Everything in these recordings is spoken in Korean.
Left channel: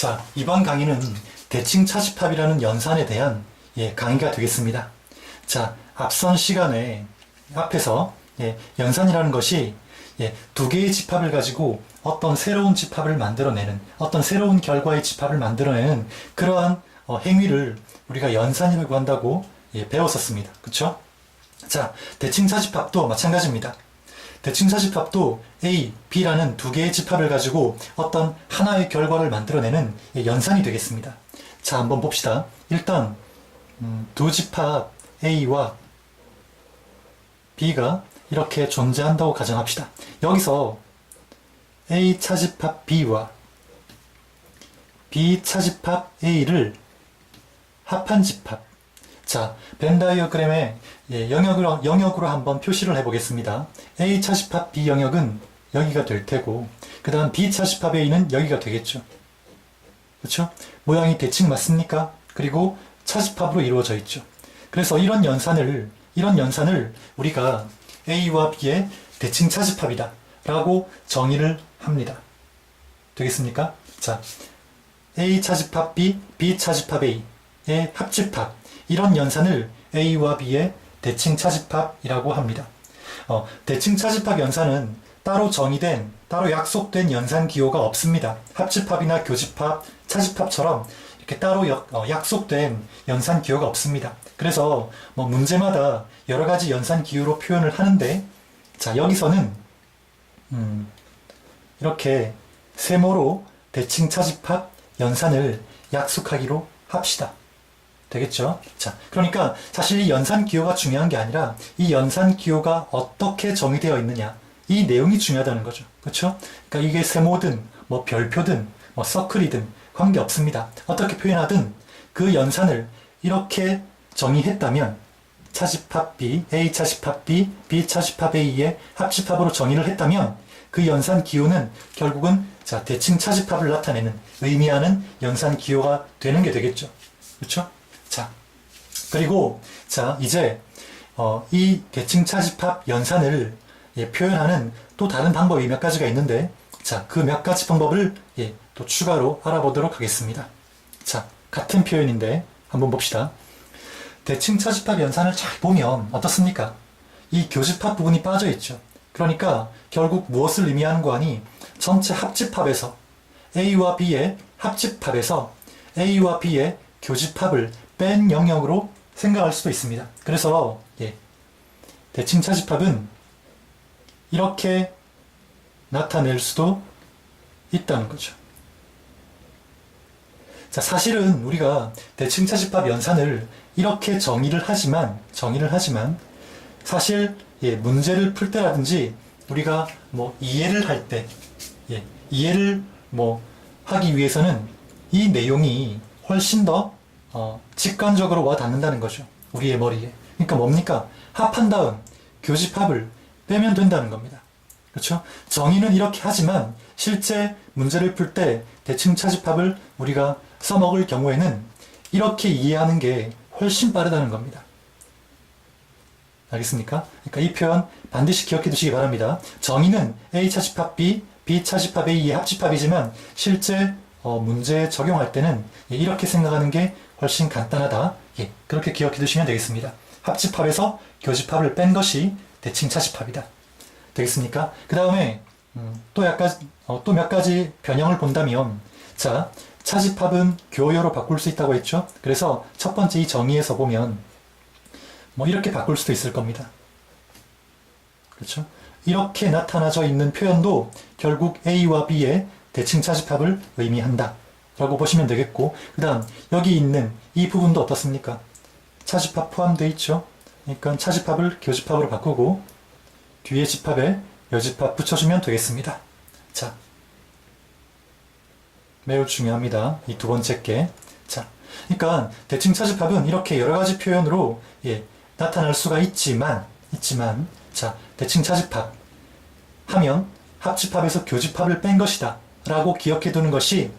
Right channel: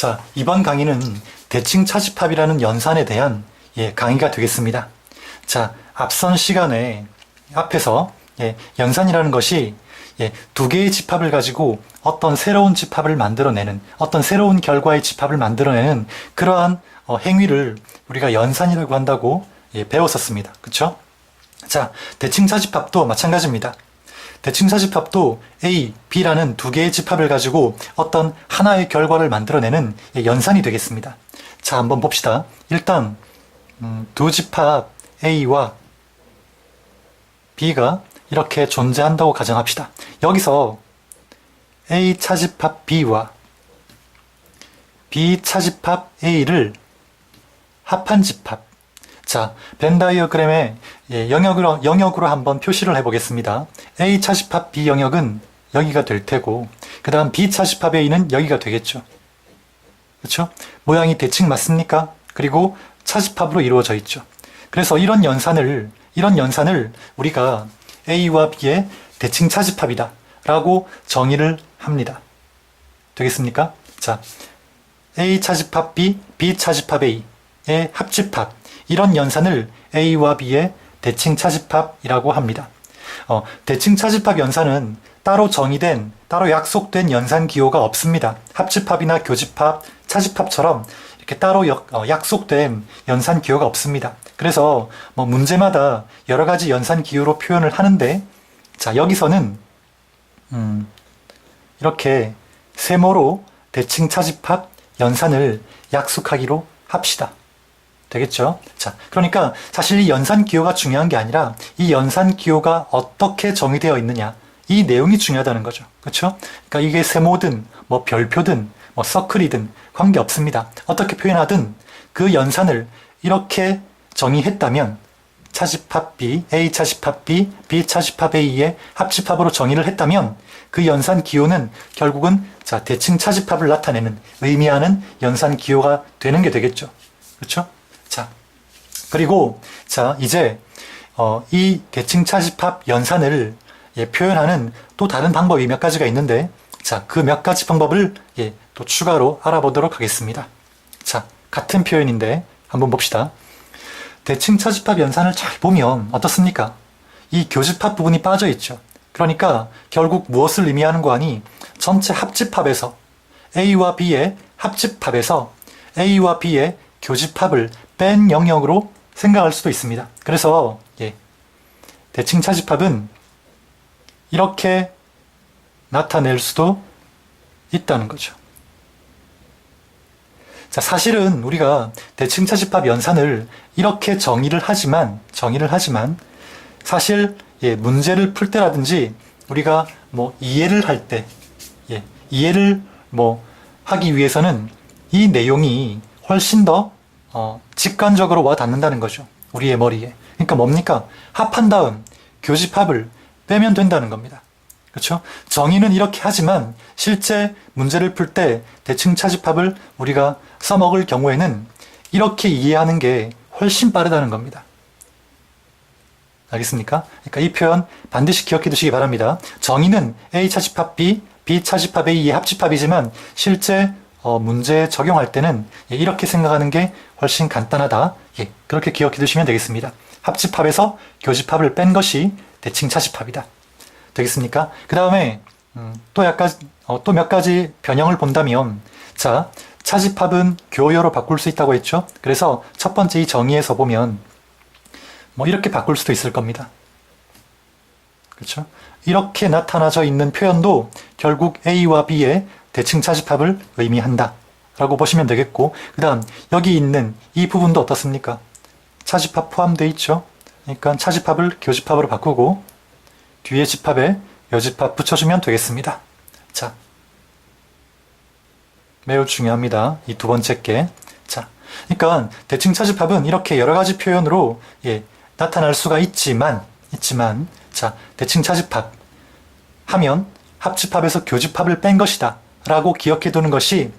자, 이번 강의는 대칭 차집합이라는 연산에 대한 강의가 되겠습니다. 자, 앞선 시간에 앞에서 연산이라는 것이 두 개의 집합을 가지고 어떤 새로운 집합을 만들어내는, 어떤 새로운 결과의 집합을 만들어내는 그러한 행위를 우리가 연산이라고 한다고 배웠었습니다. 그쵸? 자, 대칭 차집합도 마찬가지입니다. 대칭 차집합도 A, B라는 두 개의 집합을 가지고 어떤 하나의 결과를 만들어내는 연산이 되겠습니다. 자, 한번 봅시다. 일단 두 집합 A와 B가 이렇게 존재한다고 가정합시다. 여기서 A 차집합 B와 B 차집합 A를 합한 집합. 자, 벤 다이어그램에 영역으로 한번 표시를 해보겠습니다. A 차집합 B 영역은 여기가 될 테고, 그 다음 B 차집합 A는 여기가 되겠죠. 그렇죠? 모양이 대칭 맞습니까? 그리고 차집합으로 이루어져 있죠. 그래서 이런 연산을 우리가 A와 B의 대칭 차집합이다 라고 정의를 합니다. 되겠습니까? 자, A 차집합 B, B 차집합 A의 합집합, 이런 연산을 A와 B의 대칭 차집합이라고 합니다. 대칭 차집합 연산은 따로 정의된, 따로 약속된 연산 기호가 없습니다. 합집합이나 교집합, 차집합처럼 이렇게 따로 약속된 연산 기호가 없습니다. 그래서 문제마다 여러 가지 연산 기호로 표현을 하는데, 자, 여기서는 이렇게 세모로 대칭 차집합 연산을 약속하기로 합시다. 되겠죠? 자, 그러니까 사실 이 연산 기호가 중요한 게 아니라 이 연산 기호가 어떻게 정의되어 있느냐, 이 내용이 중요하다는 거죠. 그렇죠? 그러니까 이게 세모든 별표든 서클이든 관계없습니다. 어떻게 표현하든 그 연산을 이렇게 정의했다면, 차집합 B, A 차집합 B, B 차집합 A의 합집합으로 정의를 했다면 그 연산 기호는 결국은 대칭 차집합을 나타내는, 의미하는 연산 기호가 되는 게 되겠죠. 그렇죠? 자, 그리고 이제 이 대칭 차집합 연산을 표현하는 또 다른 방법이 몇 가지가 있는데, 자, 그 몇 가지 방법을 또 추가로 알아보도록 하겠습니다. 자, 같은 표현인데 한번 봅시다. 대칭 차집합 연산을 잘 보면 어떻습니까? 이 교집합 부분이 빠져 있죠. 그러니까 결국 무엇을 의미하는 거 아니? 전체 합집합에서 A와 B의 합집합에서 A와 B의 교집합을 뺀 영역으로 생각할 수도 있습니다. 그래서 대칭 차집합은 이렇게 나타낼 수도 있다는 거죠. 자, 사실은 우리가 대칭 차집합 연산을 이렇게 정의를 하지만 사실 문제를 풀 때라든지 우리가 이해를 할 때 이해를 하기 위해서는 이 내용이 훨씬 더 직관적으로 와 닿는다는 거죠. 우리의 머리에. 그러니까 뭡니까? 합한 다음 교집합을 빼면 된다는 겁니다. 그렇죠? 정의는 이렇게 하지만 실제 문제를 풀 때 대칭 차집합을 우리가 써먹을 경우에는 이렇게 이해하는 게 훨씬 빠르다는 겁니다. 알겠습니까? 그러니까 이 표현 반드시 기억해 두시기 바랍니다. 정의는 A 차집합 B, B 차집합 A의 합집합이지만 실제 문제에 적용할 때는 이렇게 생각하는 게 훨씬 간단하다. 그렇게 기억해 두시면 되겠습니다. 합집합에서 교집합을 뺀 것이 대칭 차집합이다. 되겠습니까? 그 다음에 또 몇 가지 변형을 본다면, 자, 차집합은 교요로 바꿀 수 있다고 했죠? 그래서 첫 번째 이 정의에서 보면 이렇게 바꿀 수도 있을 겁니다. 그렇죠? 이렇게 나타나져 있는 표현도 결국 A와 B의 대칭 차집합을 의미한다 라고 보시면 되겠고, 그 다음 여기 있는 이 부분도 어떻습니까? 차집합 포함되어 있죠? 그러니까 차집합을 교집합으로 바꾸고 뒤에 집합에 여집합 붙여주면 되겠습니다. 자, 매우 중요합니다. 이 두 번째 게. 자, 그러니까 대칭 차집합은 이렇게 여러 가지 표현으로 나타날 수가 있지만, 자, 대칭 차집합 하면 합집합에서 교집합을 뺀 것이다 라고 기억해 두는 것이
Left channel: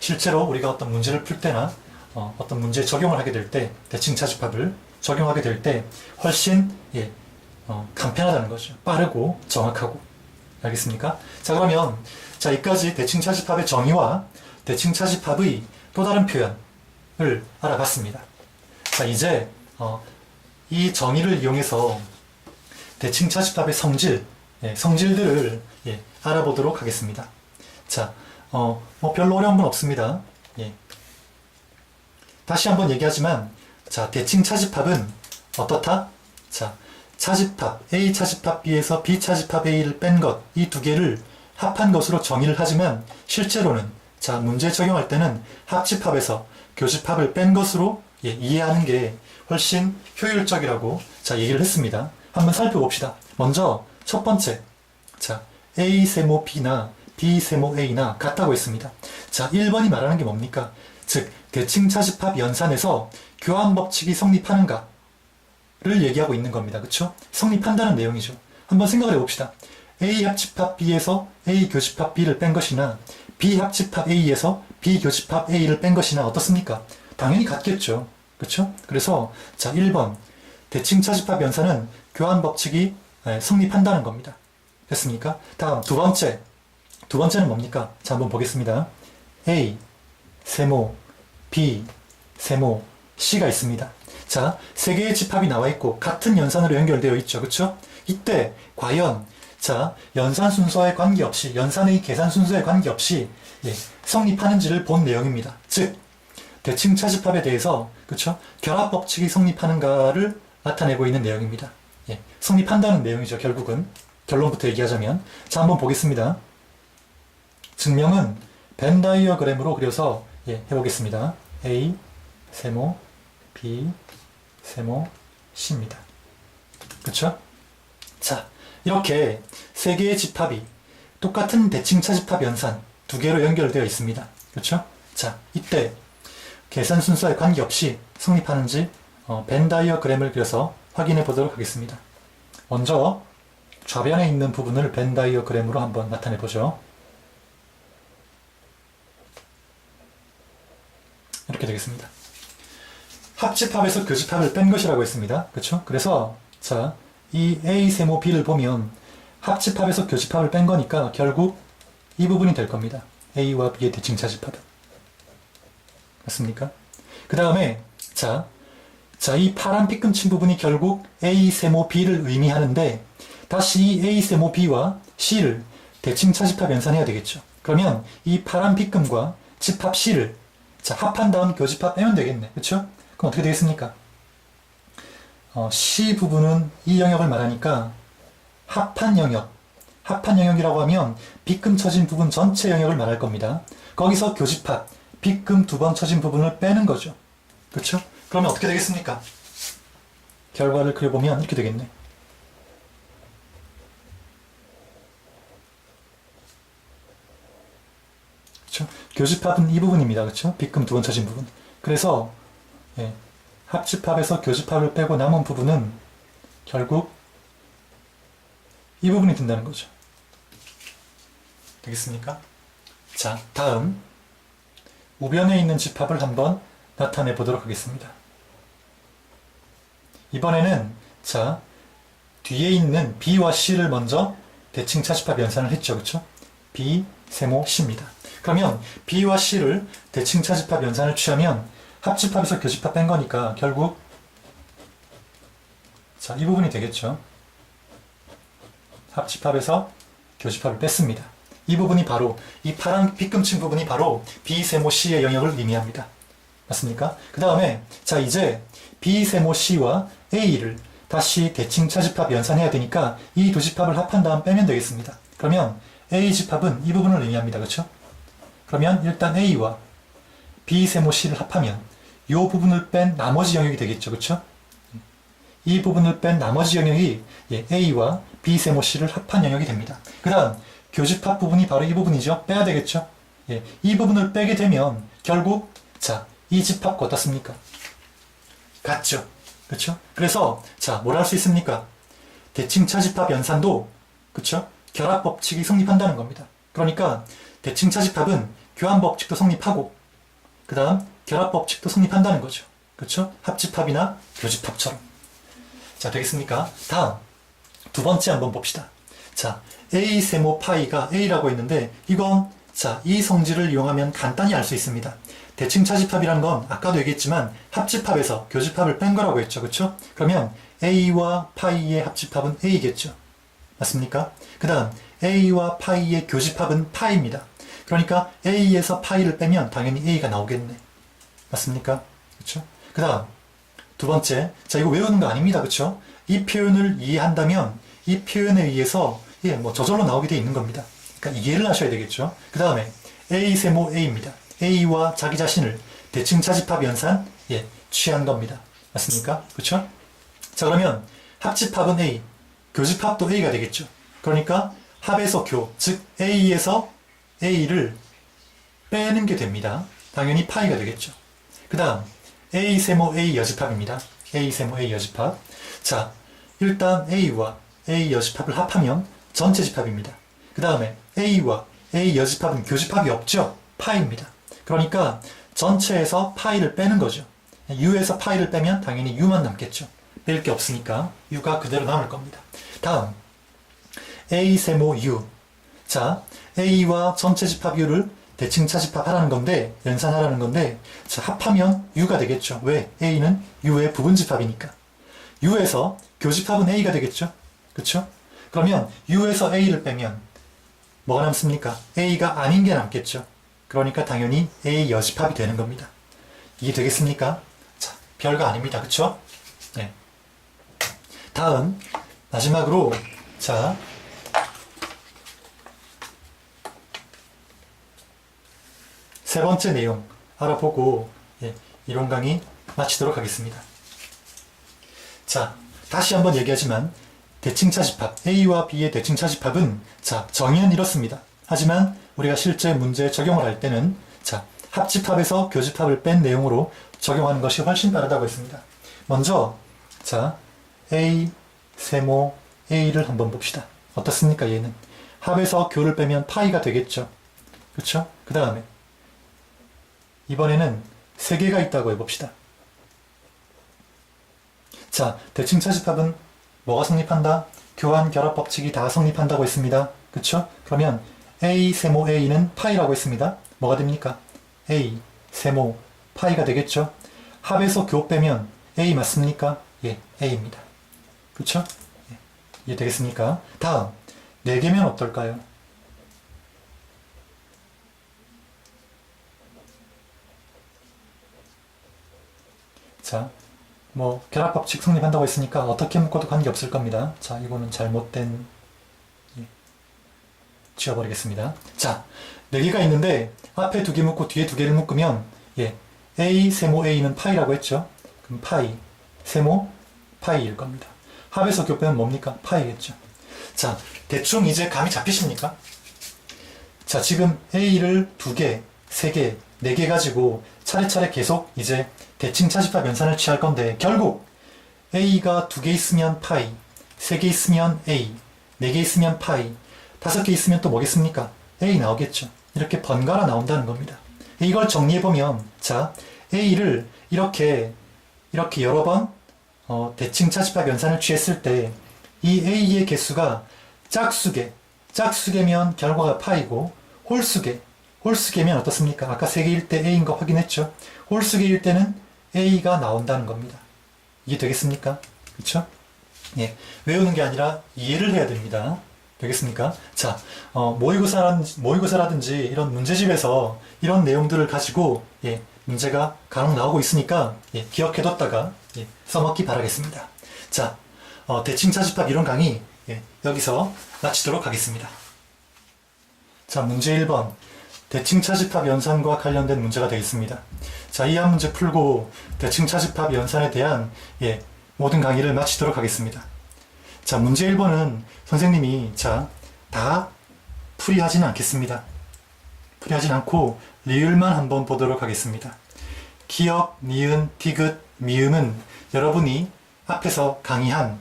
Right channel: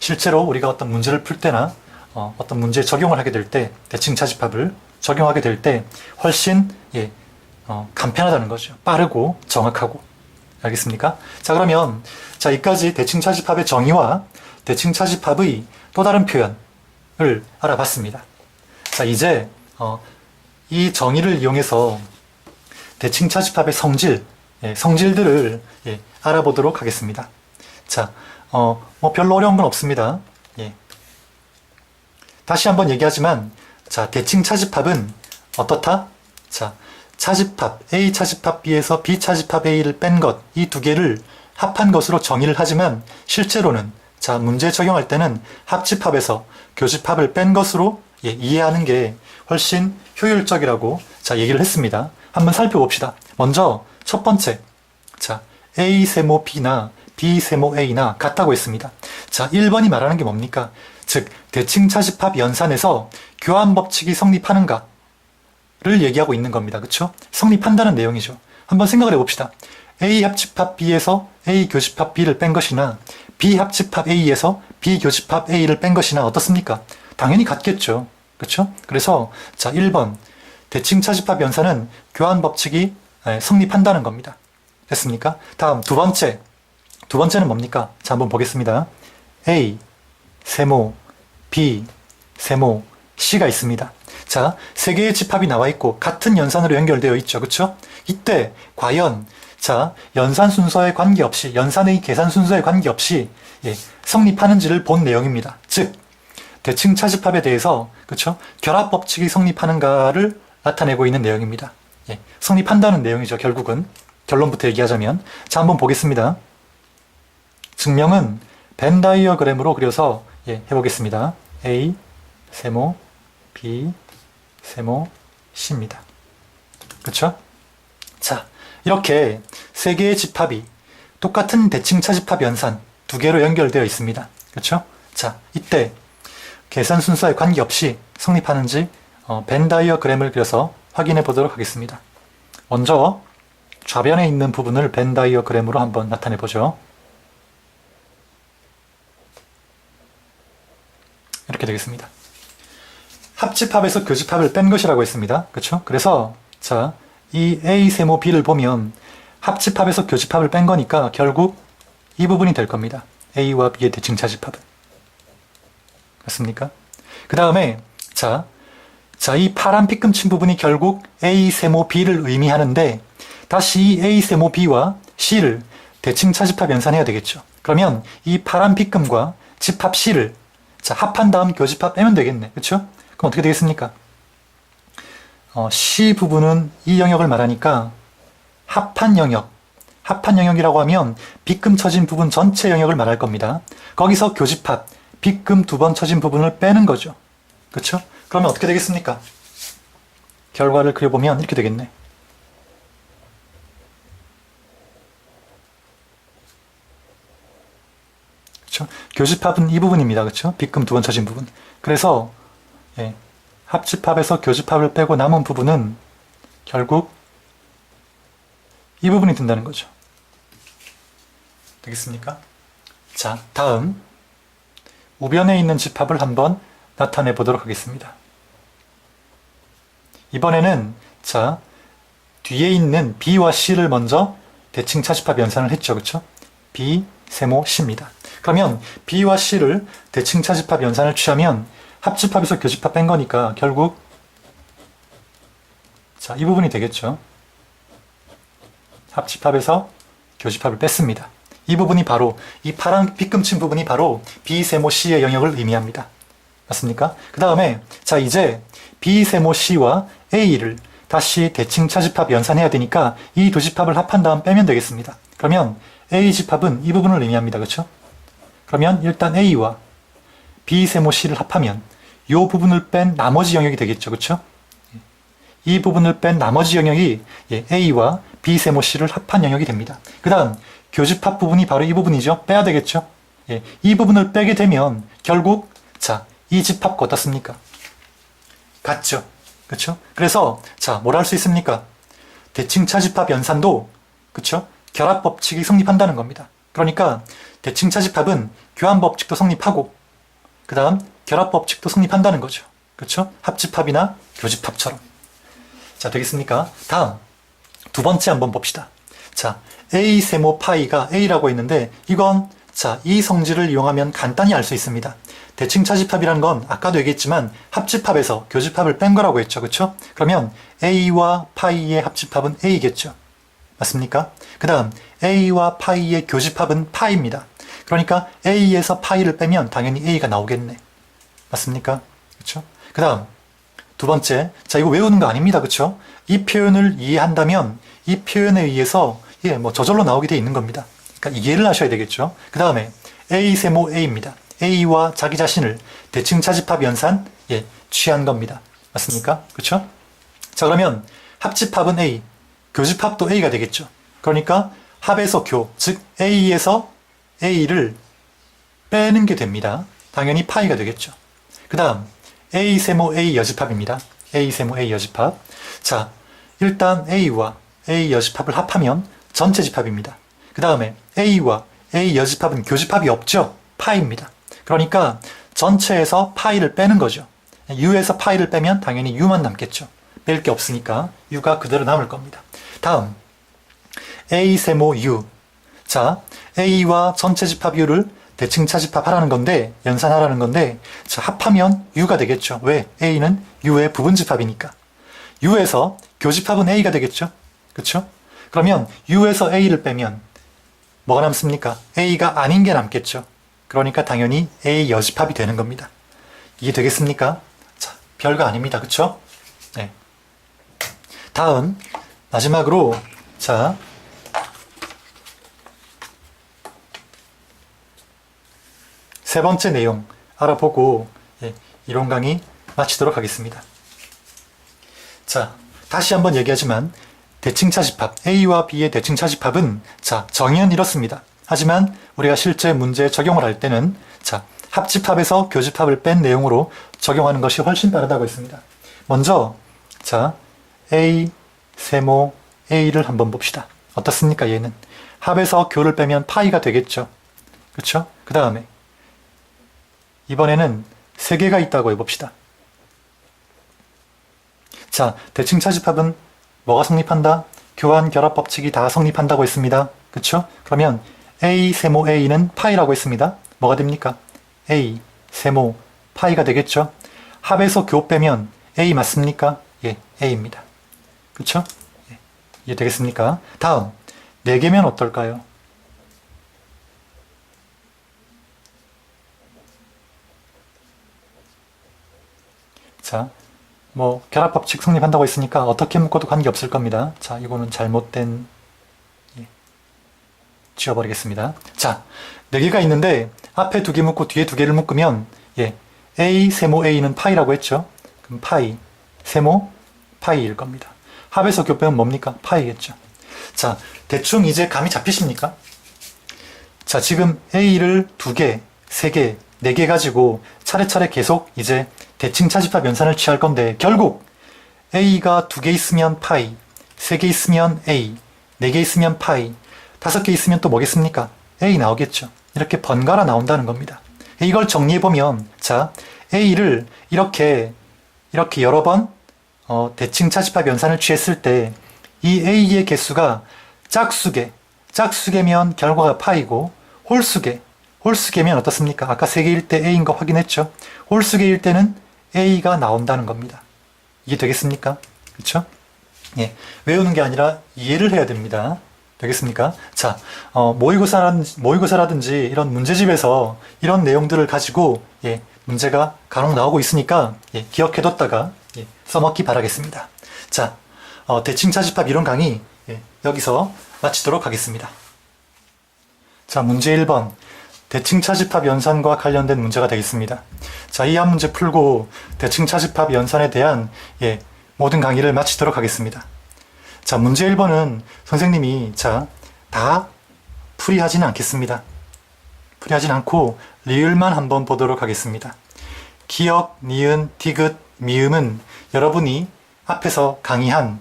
실제로 우리가 어떤 문제를 풀 때나 어떤 문제에 적용을 하게 될 때, 대칭 차집합을 적용하게 될 때 훨씬 간편하다는 거죠. 빠르고 정확하고. 알겠습니까? 자, 그러면 자, 여기까지 대칭차집합의 정의와 대칭차집합의 또 다른 표현을 알아봤습니다. 자, 이제 이 정의를 이용해서 대칭차집합의 성질, 성질들을 알아보도록 하겠습니다. 자, 뭐 별로 어려운 건 없습니다. 다시 한번 얘기하지만, 자, 대칭차집합은 어떻다? 자, 차집합, A 차집합 B에서 B 차집합 A를 뺀 것, 이 두 개를 합한 것으로 정의를 하지만, 실제로는, 자, 문제 적용할 때는 합집합에서 교집합을 뺀 것으로 이해하는 게 훨씬 효율적이라고, 자, 얘기를 했습니다. 한번 살펴봅시다. 먼저, 첫 번째. 자, A 세모 B나 B 세모 A나 같다고 했습니다. 자, 1번이 말하는 게 뭡니까? 즉, 대칭차집합 연산에서 교환법칙이 성립하는가를 얘기하고 있는 겁니다. 그쵸? 성립한다는 내용이죠. 한번 생각을 해봅시다. A 합집합 B에서 A 교집합 B를 뺀 것이나 B 합집합 A에서 B 교집합 A를 뺀 것이나 어떻습니까? 당연히 같겠죠. 그쵸? 그래서 자, 1번 대칭차집합 연산은 교환법칙이 성립한다는 겁니다. 됐습니까? 다음 두 번째는 뭡니까? 자, 한번 보겠습니다. A 세모 B 세모 C가 있습니다. 자, 세 개의 집합이 나와 있고 같은 연산으로 연결되어 있죠. 그쵸? 이때 과연 자, 연산 순서에 관계없이, 연산의 계산 순서에 관계없이 성립하는지를 본 내용입니다. 즉, 대칭차집합에 대해서 그쵸? 결합법칙이 성립하는가를 나타내고 있는 내용입니다. 성립한다는 내용이죠. 결국은 결론부터 얘기하자면, 자, 한번 보겠습니다. 증명은 벤 다이어그램으로 그려서 해보겠습니다. A 세모 B 세모 C입니다. 그쵸? 자, 이렇게 세 개의 집합이 똑같은 대칭차집합 연산 두 개로 연결되어 있습니다. 그쵸? 자, 이때 계산 순서에 관계없이 성립하는지 벤 다이어그램을 그려서 확인해 보도록 하겠습니다. 먼저 좌변에 있는 부분을 벤 다이어그램으로 한번 나타내 보죠. 이렇게 되겠습니다. 합집합에서 교집합을 뺀 것이라고 했습니다. 그쵸? 그래서 자, 이 A 세모 B를 보면 합집합에서 교집합을 뺀 거니까 결국 이 부분이 될 겁니다. A와 B의 대칭차집합은. 맞습니까? 그 다음에 자, 이 파란 삐끔친 부분이 결국 A 세모 B를 의미하는데 다시 이 A 세모 B와 C를 대칭차집합 연산해야 되겠죠. 그러면 이 파란 삐끔과 집합 C를 자, 합한 다음 교집합 빼면 되겠네. 그쵸? 그럼 어떻게 되겠습니까? C 부분은 이 영역을 말하니까 합한 영역이라고 하면 빗금 쳐진 부분 전체 영역을 말할 겁니다. 거기서 교집합, 빗금 두 번 쳐진 부분을 빼는 거죠. 그쵸? 그러면 어떻게 되겠습니까? 결과를 그려보면 이렇게 되겠네. 그쵸? 교집합은 이 부분입니다. 그쵸? 빗금 두 번 쳐진 부분. 그래서 합집합에서 교집합을 빼고 남은 부분은 결국 이 부분이 된다는 거죠. 되겠습니까? 자, 다음 우변에 있는 집합을 한번 나타내 보도록 하겠습니다. 이번에는 자, 뒤에 있는 B와 C를 먼저 대칭차집합 연산을 했죠. 그쵸? B, 세모, C입니다. 그러면 B와 C를 대칭차집합 연산을 취하면 합집합에서 교집합 뺀 거니까 결국 자, 이 부분이 되겠죠. 합집합에서 교집합을 뺐습니다. 이 부분이 바로 이 파란 빗금친 부분이 바로 B 세모 C의 영역을 의미합니다. 맞습니까? 그 다음에 자, 이제 B 세모 C와 A를 다시 대칭차집합 연산해야 되니까 이 두 집합을 합한 다음 빼면 되겠습니다. 그러면 A 집합은 이 부분을 의미합니다. 그렇죠? 그러면 일단 A와 B 세모 C를 합하면 이 부분을 뺀 나머지 영역이 되겠죠. 그렇죠? 이 부분을 뺀 나머지 영역이 A와 B 세모 C를 합한 영역이 됩니다. 그 다음 교집합 부분이 바로 이 부분이죠. 빼야 되겠죠. 이 부분을 빼게 되면 결국 자, 이 집합과 어떻습니까? 같죠. 그렇죠? 그래서 자, 뭘 할 수 있습니까? 대칭차집합 연산도 그렇죠? 결합법칙이 성립한다는 겁니다. 그러니까 대칭차집합은 교환법칙도 성립하고 그 다음 결합법칙도 성립한다는 거죠. 그렇죠? 합집합이나 교집합처럼. 자, 되겠습니까? 다음 두 번째 한번 봅시다. 자, A 세모 파이가 A라고 했는데 이건 자, 이 성질을 이용하면 간단히 알 수 있습니다. 대칭 차집합이라는 건 아까도 얘기했지만 합집합에서 교집합을 뺀 거라고 했죠. 그쵸? 그러면 A와 파이의 합집합은 A겠죠. 맞습니까? 그 다음 A와 파이의 교집합은 파이입니다. 그러니까 A에서 파이를 빼면 당연히 A가 나오겠네. 맞습니까? 그쵸? 그 다음 두 번째, 자 이거 외우는 거 아닙니다. 그쵸? 이 표현을 이해한다면 이 표현에 의해서 뭐 저절로 나오게 돼 있는 겁니다. 그러니까 이해를 하셔야 되겠죠. 그 다음에 A 세모 A입니다. A와 자기 자신을 대칭 차집합 연산 취한 겁니다. 맞습니까? 그쵸? 자 그러면 합집합은 A, 교집합도 A가 되겠죠. 그러니까 합에서 교, 즉 A에서 A를 빼는 게 됩니다. 당연히 파이가 되겠죠. 그 다음 A 세모 A 여집합입니다. A 세모 A 여집합. 자 일단 A와 A 여집합을 합하면 전체 집합입니다. 그 다음에 A와 A 여집합은 교집합이 없죠. 파이입니다. 그러니까 전체에서 파이를 빼는 거죠. U에서 파이를 빼면 당연히 U만 남겠죠. 뺄 게 없으니까 U가 그대로 남을 겁니다. 다음 A 세모 U. 자 A와 전체 집합 U를 대칭 차집합 하라는 건데 연산하라는 건데 자 합하면 U가 되겠죠. 왜? A는 U의 부분 집합이니까. U에서 교집합은 A가 되겠죠. 그쵸? 그러면 U에서 A를 빼면 뭐가 남습니까? A가 아닌 게 남겠죠. 그러니까 당연히 A 여집합이 되는 겁니다. 이해 되겠습니까? 자, 별거 아닙니다. 그쵸? 네. 다음, 마지막으로, 자, 세 번째 내용 알아보고, 이론 강의 마치도록 하겠습니다. 자, 다시 한번 얘기하지만, 대칭 차집합, A와 B의 대칭 차집합은, 자, 정의는 이렇습니다. 하지만 우리가 실제 문제에 적용을 할 때는 자 합집합에서 교집합을 뺀 내용으로 적용하는 것이 훨씬 빠르다고 했습니다. 먼저 자 A 세모 A를 한번 봅시다. 어떻습니까? 얘는 합에서 교를 빼면 파이가 되겠죠. 그렇죠? 그 다음에 이번에는 세 개가 있다고 해봅시다. 자 대칭 차집합은 뭐가 성립한다? 교환 결합 법칙이 다 성립한다고 했습니다. 그렇죠? 그러면 A 세모 A는 파이라고 했습니다. 뭐가 됩니까? A 세모 파이가 되겠죠? 합에서 교 빼면 A 맞습니까? 예, A입니다. 그렇죠? 예, 이해되겠습니까? 다음, 4개면 어떨까요? 자, 뭐 결합법칙 성립한다고 했으니까 어떻게 묶어도 관계없을 겁니다. 자, 이거는 잘못된 지워버리겠습니다. 자, 4개가 있는데 앞에 2개 묶고 뒤에 2개를 묶으면 A 세모 A는 파이라고 했죠. 그럼 파이, 세모, 파이일 겁니다. 합에서 교 빼면 뭡니까? 파이겠죠. 자, 대충 이제 감이 잡히십니까? 자, 지금 A를 2개, 3개, 4개 가지고 차례차례 계속 이제 대칭 차집합 연산을 취할 건데 결국 A가 2개 있으면 파이, 3개 있으면 A, 4개 있으면 파이, 5개 있으면 또 뭐겠습니까? A 나오겠죠. 이렇게 번갈아 나온다는 겁니다. 이걸 정리해보면 자 A를 이렇게 여러 번 대칭 차집합 연산을 취했을 때 이 A의 개수가 짝수개면 결과가 파이고 홀수개면 어떻습니까? 아까 3개일 때 A인 거 확인했죠? 홀수개일 때는 A가 나온다는 겁니다. 이해 되겠습니까? 그쵸? 예, 외우는 게 아니라 이해를 해야 됩니다. 되겠습니까? 자, 모의고사라든지 이런 문제집에서 이런 내용들을 가지고 문제가 간혹 나오고 있으니까 기억해뒀다가 써먹기 바라겠습니다. 자, 대칭 차집합 이론 강의 여기서 마치도록 하겠습니다. 자, 문제 1번 대칭 차집합 연산과 관련된 문제가 되겠습니다. 자, 이 한 문제 풀고 대칭 차집합 연산에 대한 모든 강의를 마치도록 하겠습니다. 자, 문제 1번은 선생님이 다 풀이하지는 않겠습니다. 풀이하진 않고 리을만 한번 보도록 하겠습니다. 기역, 니은, 디귿, 미음은 여러분이 앞에서 강의한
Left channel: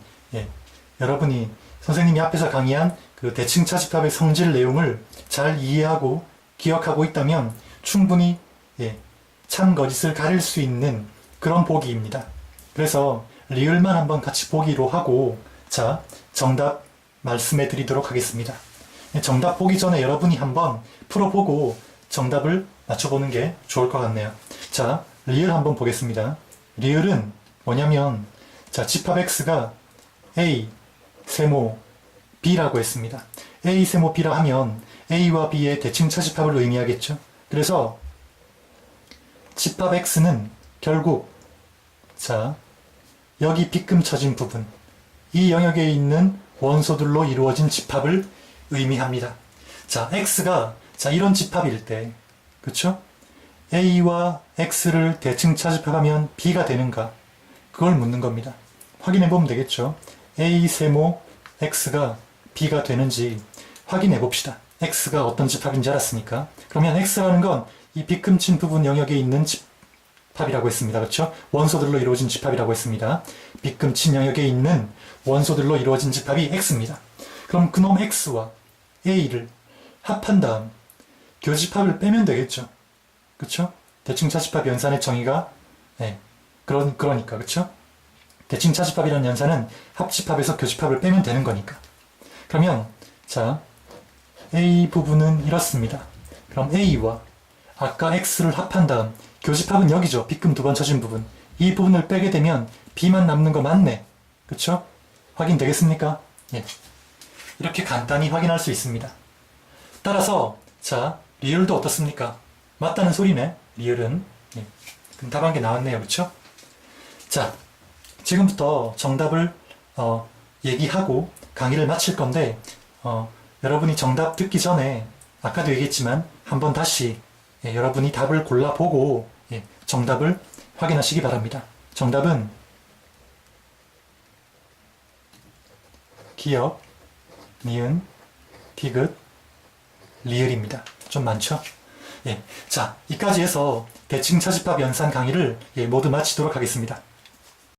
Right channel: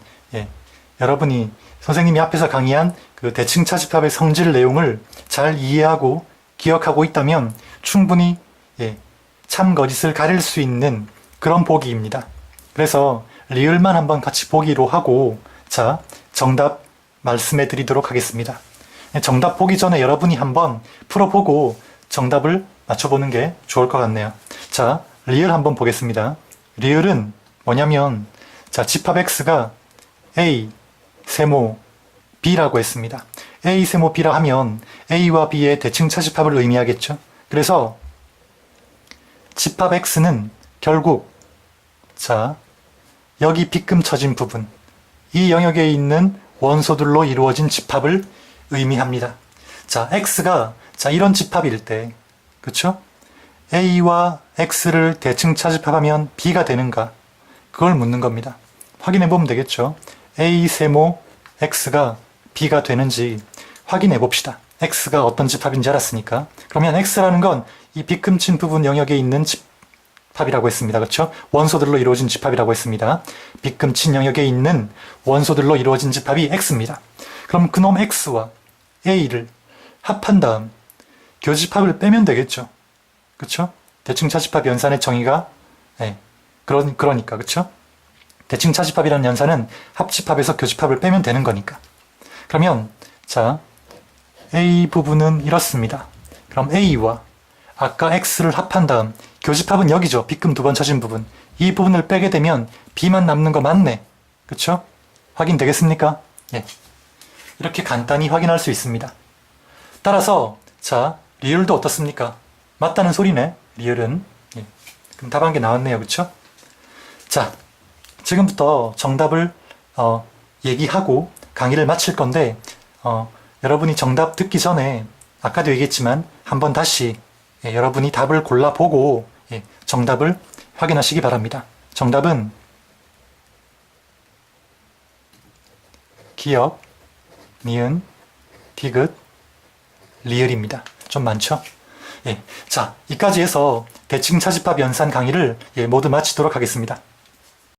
선생님이 앞에서 강의한 그 대칭 차집합의 성질 내용을 잘 이해하고 기억하고 있다면 충분히 참거짓을 가릴 수 있는 그런 보기입니다. 그래서 리을만 한번 같이 보기로 하고 자, 정답 말씀해 드리도록 하겠습니다. 정답 보기 전에 여러분이 한번 풀어보고 정답을 맞춰보는 게 좋을 것 같네요. 자, 리을 한번 보겠습니다. 리을은 뭐냐면, 자, 집합 X가 A, 세모, B라고 했습니다. A, 세모, B라 하면 A와 B의 대칭 차집합을 의미하겠죠. 그래서 집합 X는 결국, 자, 여기 빗금 쳐진 부분, 이 영역에 있는 원소들로 이루어진 집합을 의미합니다. 자, X가, 자, 이런 집합일 때, 그쵸? A와 X를 대칭 차집합하면 B가 되는가? 그걸 묻는 겁니다. 확인해 보면 되겠죠? A 세모 X가 B가 되는지 확인해 봅시다. X가 어떤 집합인지 알았으니까. 그러면 X라는 건 이 빗금친 부분 영역에 있는 집합이라고 했습니다. 그렇죠? 원소들로 이루어진 집합이라고 했습니다. 빗금친 영역에 있는 원소들로 이루어진 집합이 X입니다. 그럼 그놈 X와 A를 합한 다음 교집합을 빼면 되겠죠. 그렇죠? 대칭차집합 연산의 정의가 그러니까 그렇죠? 대칭차집합이라는 연산은 합집합에서 교집합을 빼면 되는 거니까. 그러면 자, A 부분은 이렇습니다. 그럼 A와 아까 X를 합한 다음 교집합은 여기죠. 빗금 두 번 쳐진 부분. 이 부분을 빼게 되면 B만 남는 거 맞네. 그쵸? 확인되겠습니까? 예. 이렇게 간단히 확인할 수 있습니다. 따라서 자, 리을도 어떻습니까? 맞다는 소리네. 리을은. 예. 그럼 답 한 개 나왔네요. 그쵸? 자, 지금부터 정답을 얘기하고 강의를 마칠 건데 여러분이 정답 듣기 전에 아까도 얘기했지만 한번 다시 여러분이 답을 골라보고 정답을 확인하시기 바랍니다. 정답은 기역, 니은, 디귿, 리을입니다. 좀 많죠? 자, 이까지 해서 대칭차집합 연산 강의를 모두 마치도록 하겠습니다.